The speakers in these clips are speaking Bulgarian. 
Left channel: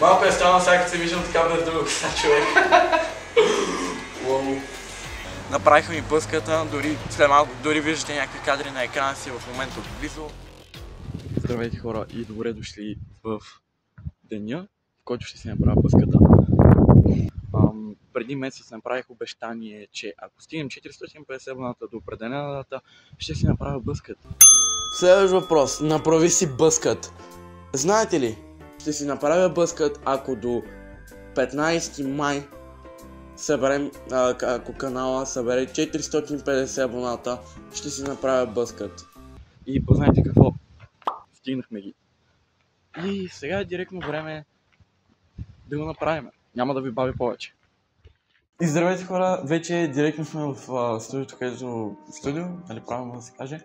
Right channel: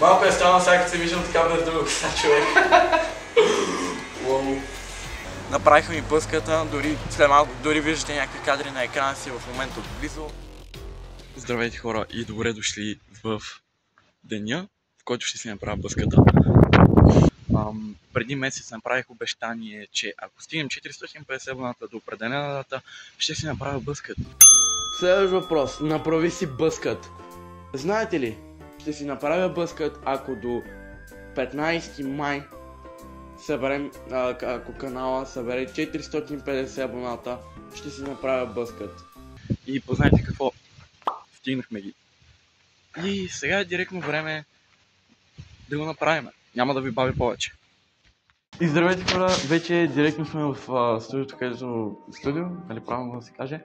Малко е странно сега като се виждам така без друга коса, човек. Направиха ми бъската, след малко дори виждате някакви кадри на екрана си в момента отблизо. Здравейте хора и добре дошли в деня, в който ще си направя бъската. Преди месец направих обещание, че ако стигнем 450 абоната до определена дата, ще си направя бъскът. Следващ въпрос. Направи си бъскът. Знаете ли, ще си направя бъскът, ако до 15 май съберем, ако канала събере 450 абоната, ще си направя бъскът. И познайте какво? Стигнахме ги. И сега е директно време да го направим. Няма да ви бави повече. И здравейте хора, вече директно сме в студиото, където студио, нали правилно да се каже,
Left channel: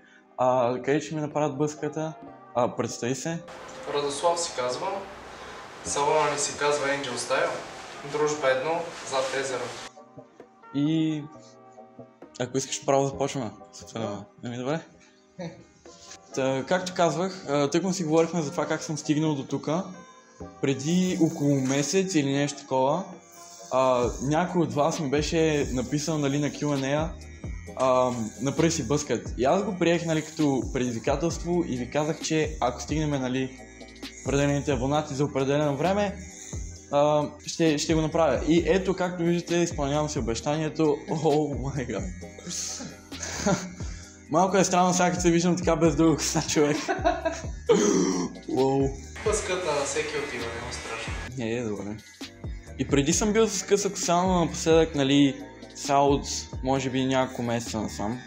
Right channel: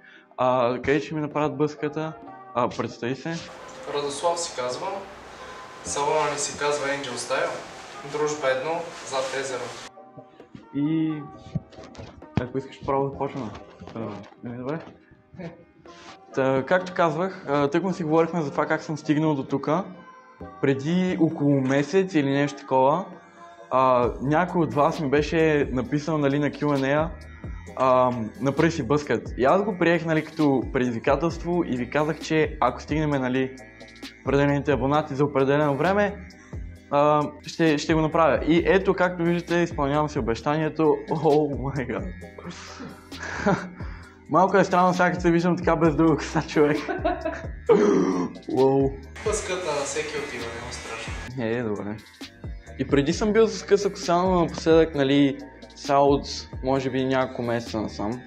където ще ми направят бъската. Представи се. Радослав си казвам, салона ни се казва Angel Style, дружба 1, зад езеро. И ако искаш право да започваме. Добре? Както казвах, тъкмо си говорихме за това как съм стигнал до тук. Преди около месец или нещо такова, някой от вас ми беше написал, нали, на Q&A, направи си бъскът. И аз го приех, нали, като предизвикателство и ви казах, че ако стигнем, нали, определените абонати за определено време, ще го направя. И ето, както виждате, изпълнявам си обещанието. О май гад. Малко е странно сега, като се виждам така без друга коса, човек. Бъската на всеки отива, няма страшно. Добре. И преди съм бил с къса коса, но напоследък, нали, сега от може би няколко месеца насам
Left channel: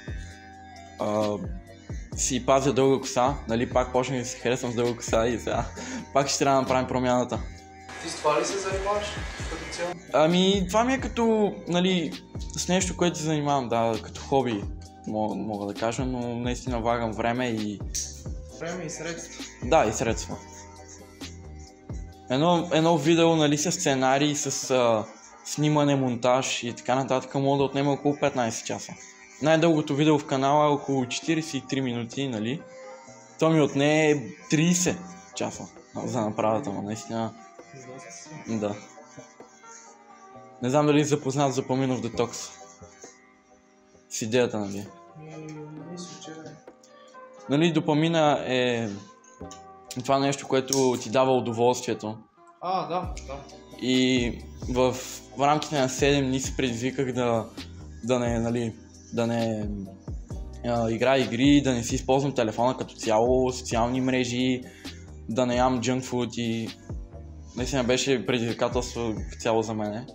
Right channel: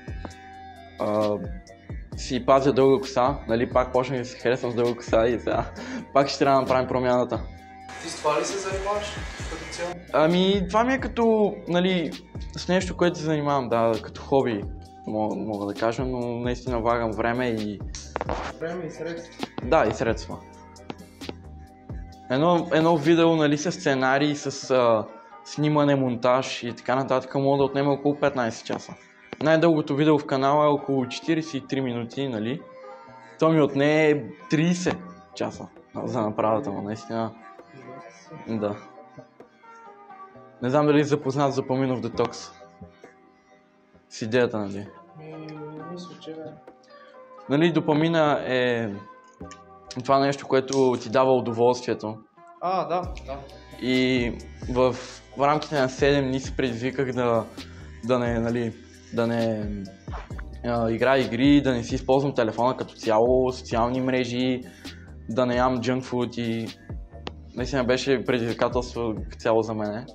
си пазя дълга коса, нали, пак почнах да се харесвам с дълга коса и сега пак ще трябва да направим промяната. Ти с това ли се занимаваш като цяло? Ами, това ми е като, нали, с нещо, което се занимавам, да, като хоби, мога да кажа, но наистина влагам време и... Време и средства. Да, и средства. Едно видео, нали, с сценарий, с снимане, монтаж и така нататък мога да отнеме около 15 часа. Най-дългото видео в канала е около 43 минути, нали. То ми отне 30 часа за направата му, наистина. Да. Не знам дали запознат за Поминов детокс. С идеята, нали? Мисля, че не. Нали, допамина е това нещо, което ти дава удоволствието. Да. И в рамките на 7 дни се предизвиках да не играя игри, да не си използвам телефона като цяло, социални мрежи, да не ям junk food и наистина беше предизвикателство цяло за мене.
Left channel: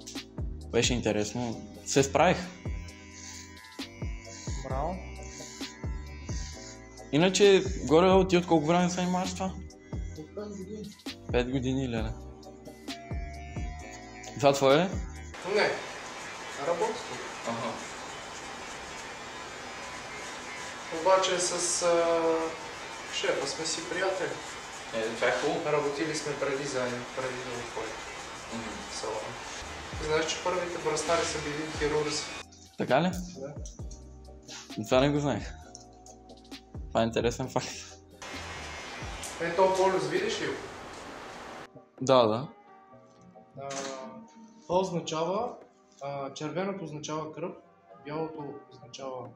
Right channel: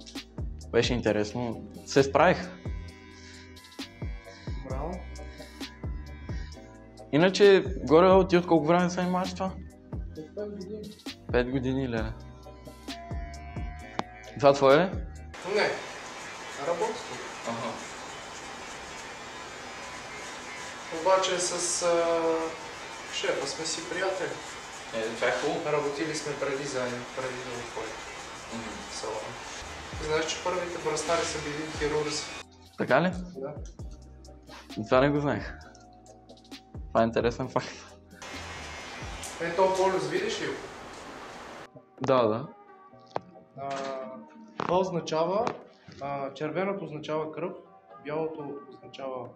Беше интересно. Се справих. Браво. Иначе, горе ти от колко време се занимаваш това? От 5 години. 5 години, леле. Това твое е? Не. Работа тук. Обаче с шефа сме си приятели. Това е хубаво. Работили сме преди заедно, преди да отворим салона. Знаеш, че първите бръснари са били хирурзи. Така ли? Да. Това не го знаех. Това е интересен факт. Ето полюс, видиш ли? Да. Това означава, червеното означава кръв, бялото означава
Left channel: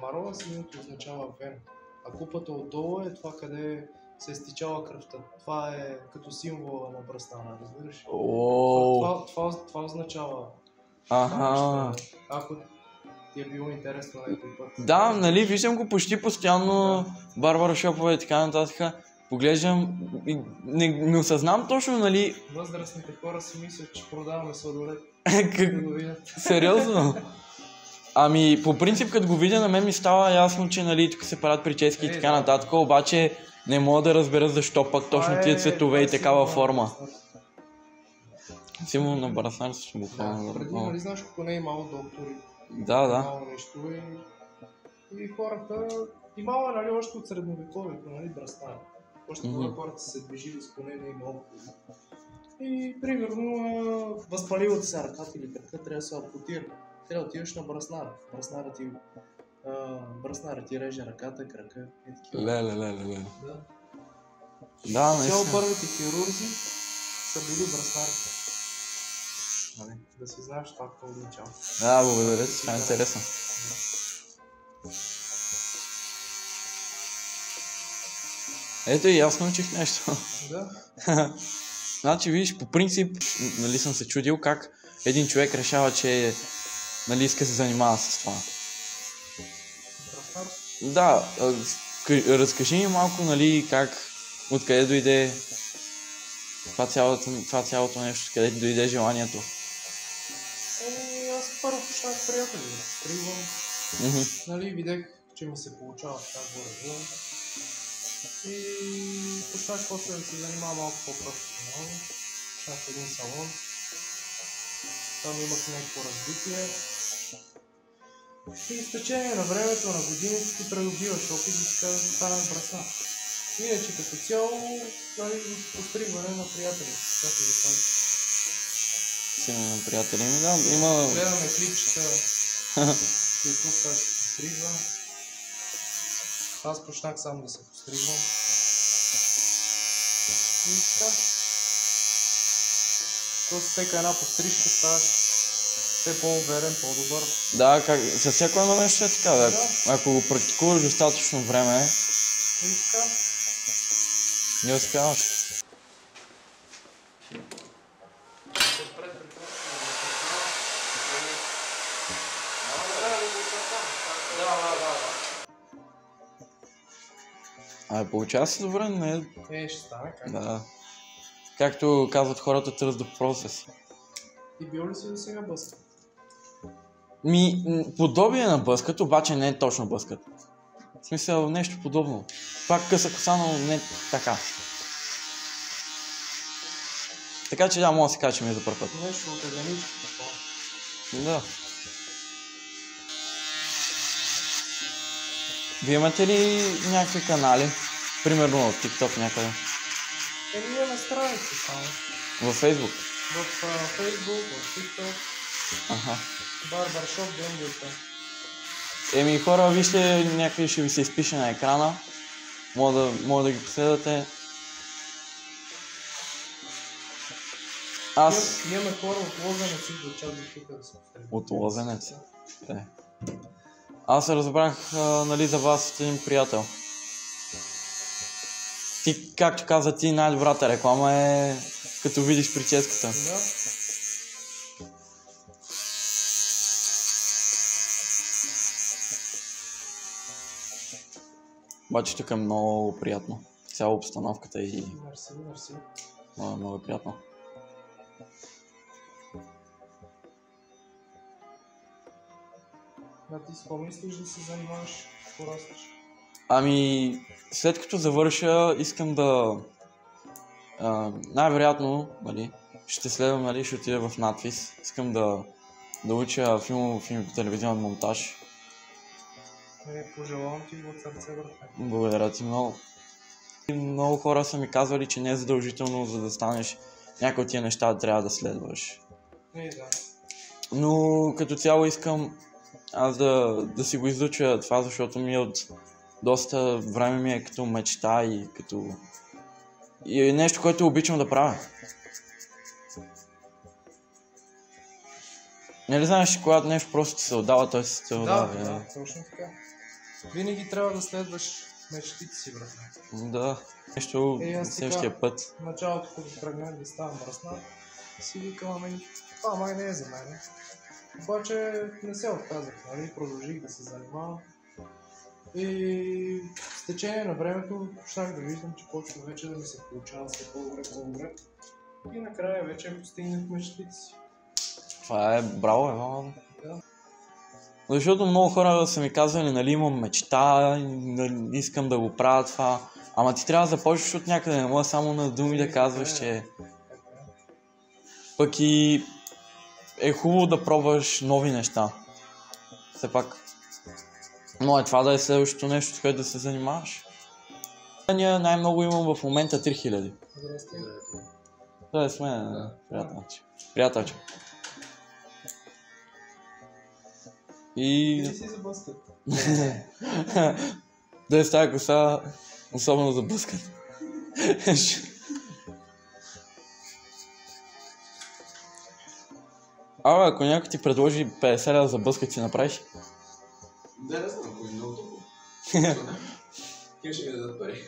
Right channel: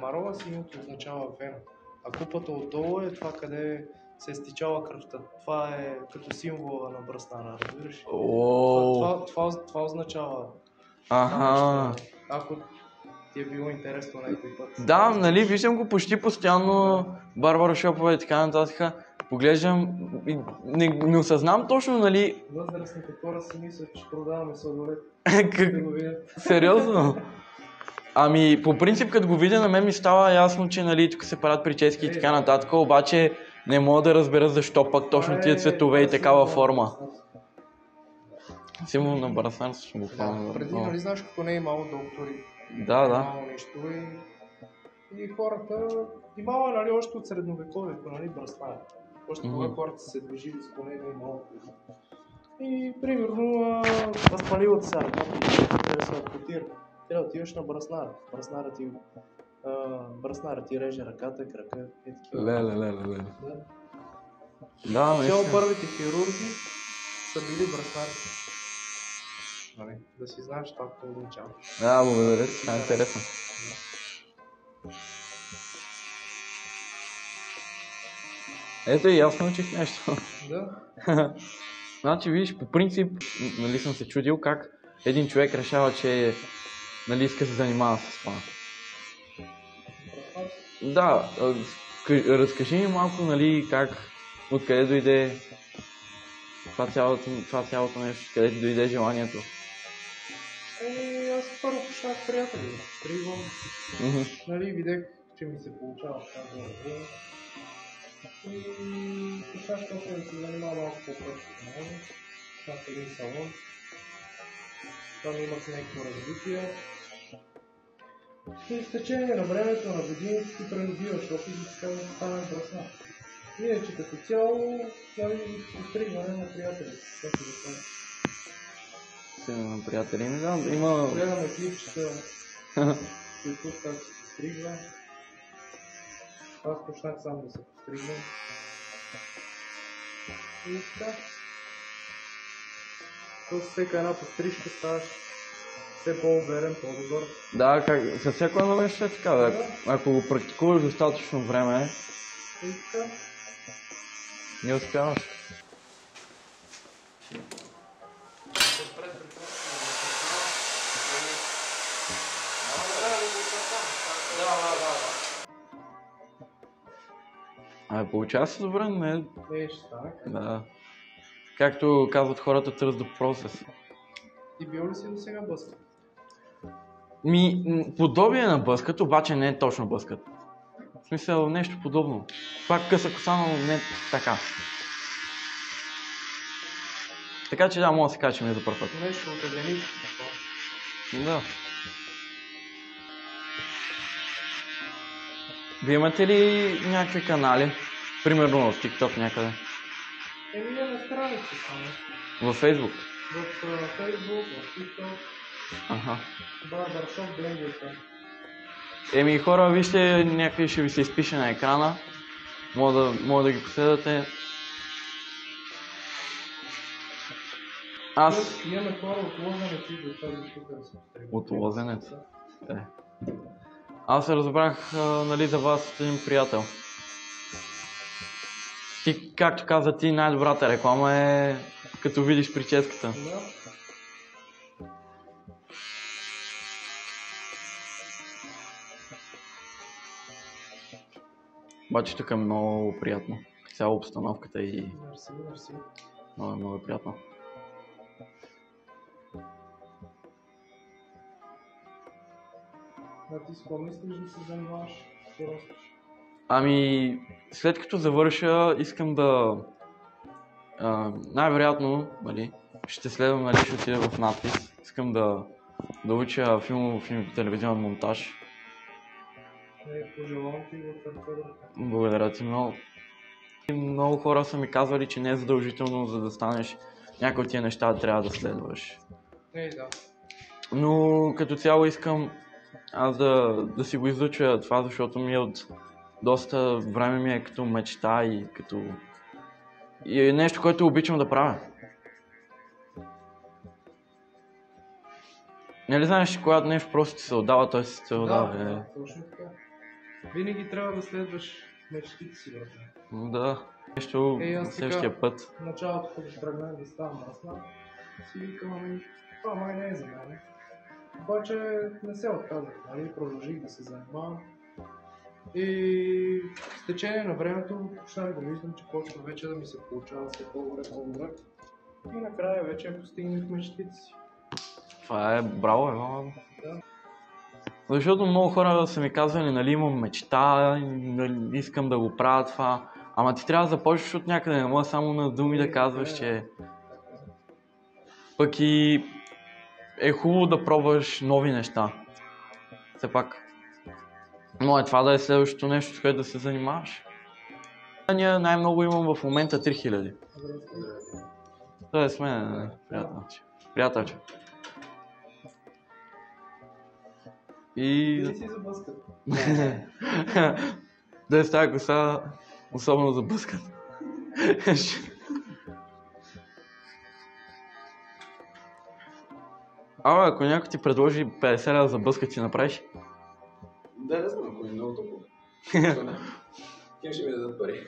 марова, синьото означава вена. А купата отдолу е това, къде се е стичала кръвта. Това е като символа на бръснара, разбираш? Това означава. Ако ти е било интересно някой път. Да, нали, виждам го почти постоянно, барбарошопове и така нататък. Поглеждам, не осъзнам точно, нали... Възрастните хора си мислят, че продаваме сладолет. Сериозно? Ами, по принцип, като го видя, на мен ми става ясно, че, нали, тук се правят прически и така нататък, обаче не мога да разбера защо пък точно тия цветове и такава форма. Символ на браснарство буквално. Преди, нали знаеш, като не е имало доктори. Да. Имало нещо и хората... Имало е, нали, още от средновековието, нали, бръснар. Още тогава хората са се движили с коне, не е имало. И, примерно, възпалилата се ръката и трябва да се ампутира. Трябва да отиваш на браснара. Браснара ти реже ръката, крака и такива. Леле. Да, цяло първите хирурзи са били бръснарите. Нали, да си знаеш това какво означава. Да, благодаря ти, това е интересно. Ето и аз научих нещо. Да. Значи, виж, по принцип, нали съм се чудил как един човек решава, че нали иска да се занимава с това. Бръснар? Да, разкажи ми малко, нали, как, откъде дойде това цялото нещо, къде дойде желанието. Аз първо почнах приятели, стригвам. Нали, видях, че ми се получава така горе. И почнах после да се занимава малко по-професионално. Почнах в един салон. Там имах някакво развитие. И с течение на времето, на годините ти придобиваш опит и така да стане бръснар. Иначе като цяло, нали, постригване на приятели. Това се запази. Сигурно на приятели ми, да, има... Гледаме клипчета, които сега ще постригвам. Аз почнах сам да се постригвам. И така. С всяка една пострижка ставаш все по-уверен, по-добър. Да, със всяко едно нещо е така, да. Ако го практикуваш достатъчно време, и така. Не успяваш. Получава се добре, не? Ще стане, как? Да. Както казват хората, trust the process. Ти бил ли си до сега бъскат? Подобие на бъскат, обаче не е точно бъскат. В смисъл, нещо подобно. Пак къса коса, но не така. Така че да, мога да се кажа, че ми е за първ път. Нещо от единичко. Да. Вие имате ли някакви канали? Примерно в TikTok някъде? Ние на страница само. Във Facebook? В Facebook, в TikTok. Аха. Барбаршоп Хора, блендерка. вижте, някъде ще ви се изпише на екрана. Може да ги последвате. Имаме хора от Лозенец и до чак тук да се постригат. От Лозенец? Аз разбрах, нали, за вас от един приятел. Ти, както каза ти, най-добрата реклама е като видиш прическата. Да. Обаче тук е много приятно. Цяла обстановката и Мерси. много е приятно. А ти с какво мислиш да се занимаваш? Какво растеш? След като завърша, искам да... най-вероятно, нали, ще следвам, нали, ще отида в надвис. Искам да уча филмов и телевизионен монтаж. Пожелавам ти от сърце, брате. Благодаря ти много. Много хора са ми казвали, че не е задължително, за да станеш някои от тия неща, трябва да следваш. Да. Но като цяло искам аз да си го изуча това, защото ми е от доста време ми е като мечта и като... И е нещо, което обичам да правя. Нали знаеш, когато нещо просто ти се отдава, той се те отдава. Да, точно така. Винаги трябва да следваш мечтите си, брате. Да, нещо следващия път. В началото, като тръгнах да ставам бръснар, си викам, това май не е за мен. Обаче не се отказах, нали, продължих да се занимавам. И с течение на времето почнах да виждам, че почва вече да ми се получава все по-добре. И накрая вече постигнах мечтите си. Това е браво, Иван. Да. Защото много хора са ми казвали, нали, имам мечта, искам да го правя това. Ама ти трябва да започнеш от някъде, не мога само на думи да казваш, че... Пък и е хубаво да пробваш нови неща. Все пак. Но е това да е следващото нещо, с което да се занимаваш. Ние най-много имам в момента 3000. Здрасти. Това е с мен, приятелче. И... Ти си за бъскат. Да е с тази коса, особено за бъскат. Ако някой ти предложи 50 лева за бъскат, си направиш? Да, не знам, ако е много топло. Кем ще ми дадат пари?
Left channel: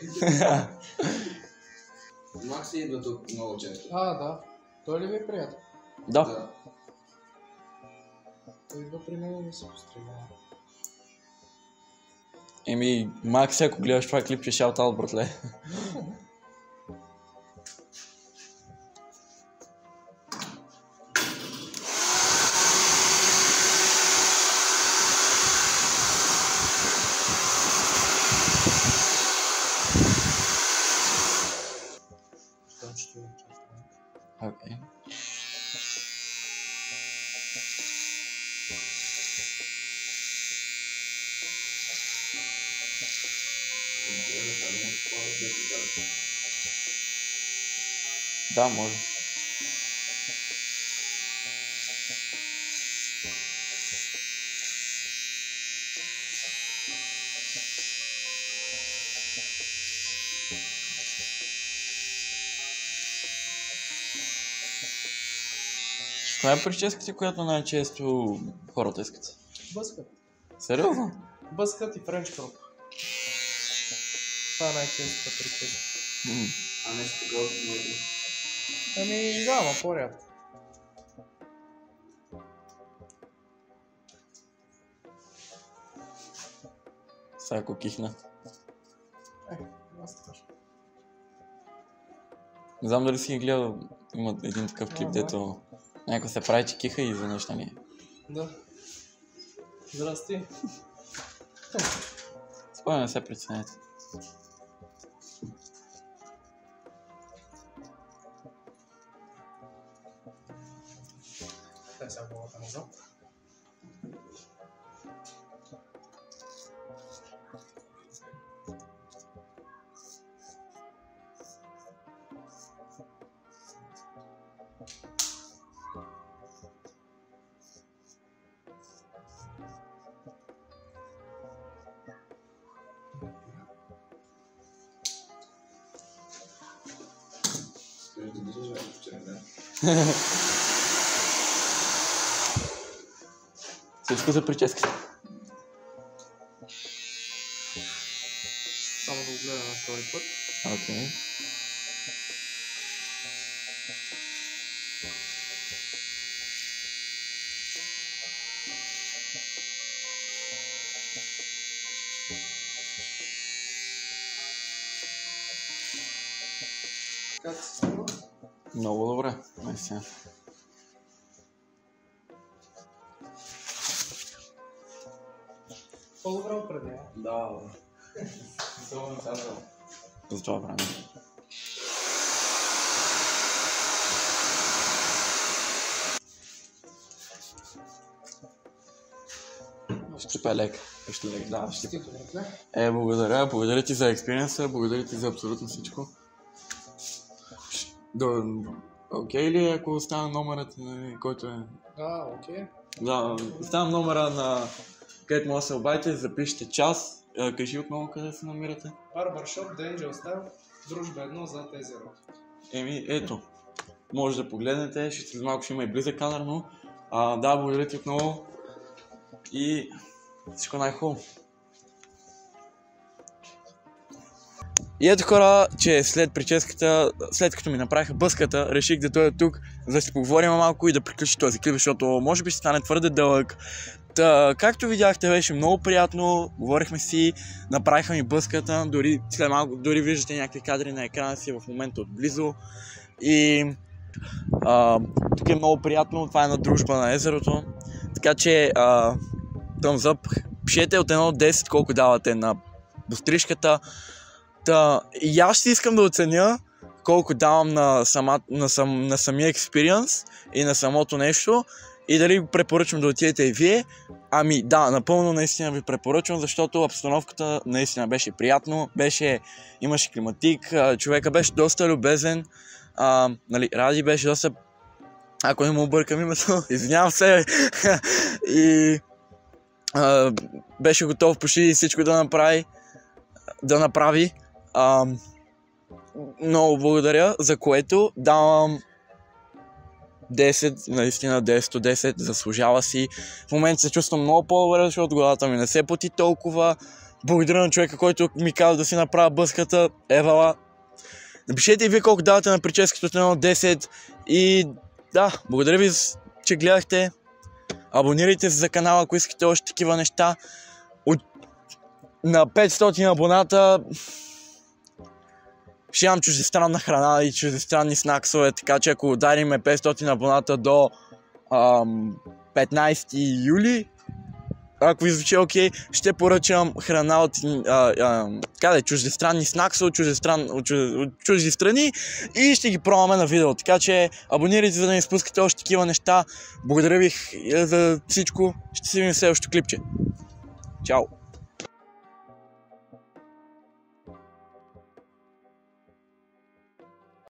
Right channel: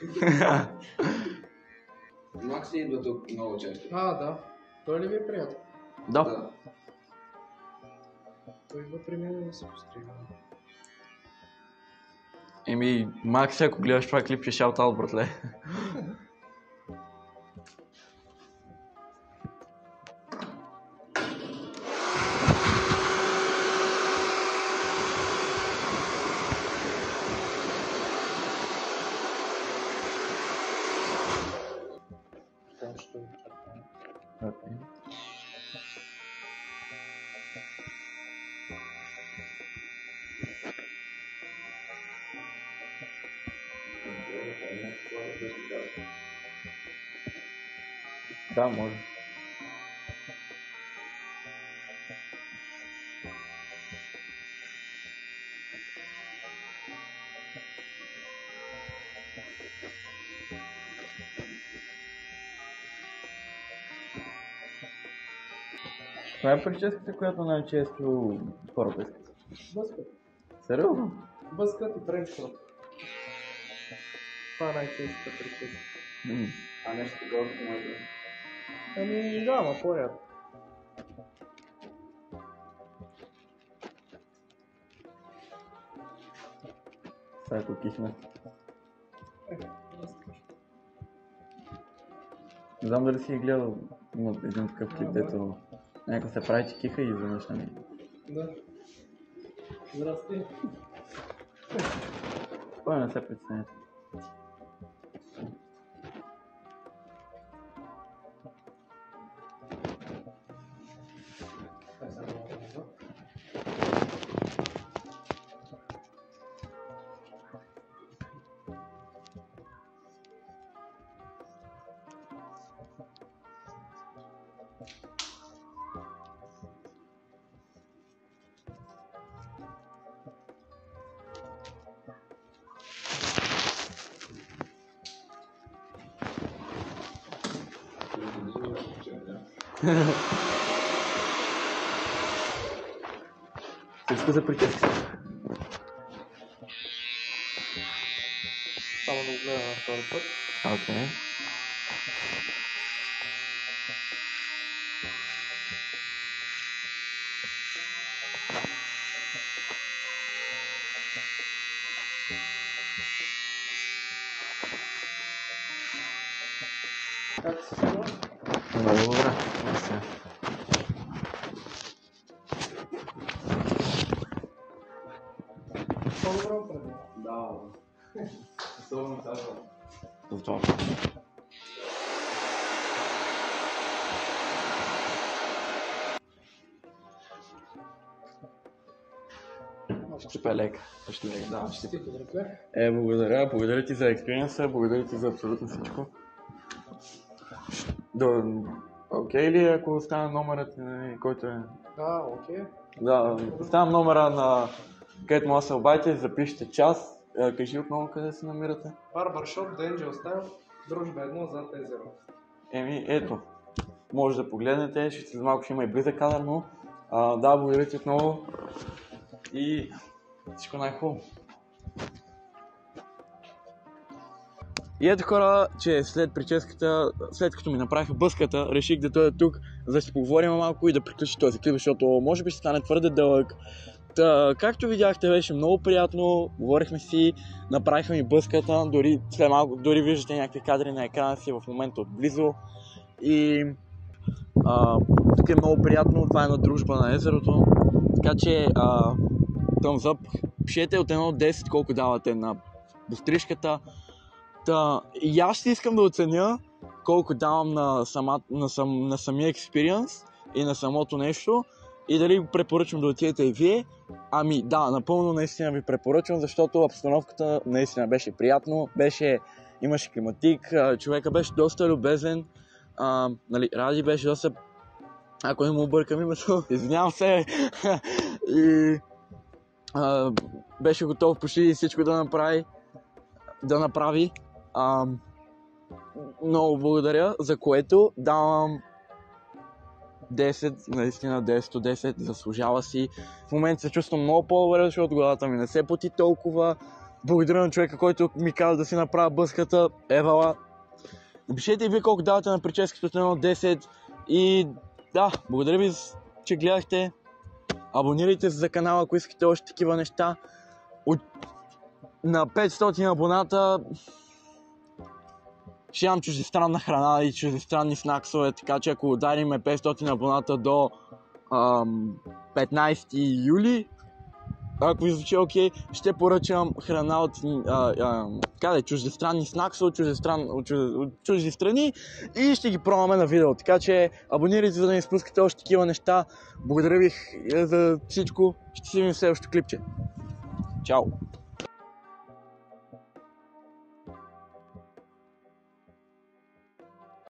Макси идва тук много често. Да. Той ли ви е приятел? Да. Той идва при мен да се пострига. Макси, ако гледаш това клипче, шаут-аут, братле. Окей. Да, може. Това е прическата, която най-често хората искат. Бъскът. Сериозно? Бъскът и френч кроп. Това е най-честата прическа. А нещо такова като моето. Да, но по-рядко. Сега ако кихна. Не знам дали си ги гледал, има един такъв клип, дето някой се прави, че киха и изведнъж нали. Да. Здрасти. Спокойно, не се притеснете. Сега главата назад. Всичко за прическата. Само да го гледам на втори път. Окей. Как се струва? Много добре. Мерси. По-добре определя. Да. Особено сега. Здраво. Ще е лек. Ще лек, да. Ще добре. Благодаря. Благодаря ти за експириенса, благодаря ти за абсолютно всичко. Окей ли ако оставя номерът, който е... Окей. Да, оставям номера на където може да се обадите и запишете час. Кажи отново къде се намирате. Барбаршоп, The Angel Style, Дружба 1 зад езерото. Ето. Може да погледнете, след малко ще има и близък кадър, но да, благодаря ти отново и всичко най-хубаво. И ето хора, че след прическата, след като ми направиха бъската, реших да дойда тук, за да си поговорим малко и да приключи този клип, защото може би ще стане твърде дълъг. Както видяхте, беше много приятно, говорихме си, направиха ми бъската, дори след малко, дори виждате някакви кадри на екрана си в момента отблизо. И тук е много приятно, това е на Дружба на езерото, така че thumbs up, пишете от 1 до 10 колко давате на дострижката. И аз ще искам да оценя колко давам на самия експириенс и на самото нещо и дали препоръчвам да отидете и вие. Ами да, напълно наистина ви препоръчвам, защото обстановката наистина беше приятно, имаше климатик, човека беше доста любезен, Ради беше доста, ако не му объркам името, извинявам се, и беше готов почти всичко да направи. Много благодаря, за което давам 10, наистина 10 от 10, заслужава си. В момента се чувствам много по-добре, защото главата ми не се поти толкова. Благодаря на човека, който ми каза да си направя бъската. Евала. Напишете и вие колко давате на прическата от 1 от 10. И да, благодаря ви, че гледахте. Абонирайте се за канала, ако искате още такива неща. На 500 абоната ще имам чуждестранна храна и чуждестранни снаксове, така че ако удариме 500 абоната до 15 юли, ако ви звучи окей, ще поръчам храна от чуждестранни снаксове от чужди страни и ще ги пробваме на видео. Така че абонирайте, за да не изпускате още такива неща. Благодаря ви за всичко. Ще си видим в следващото клипче. Чао!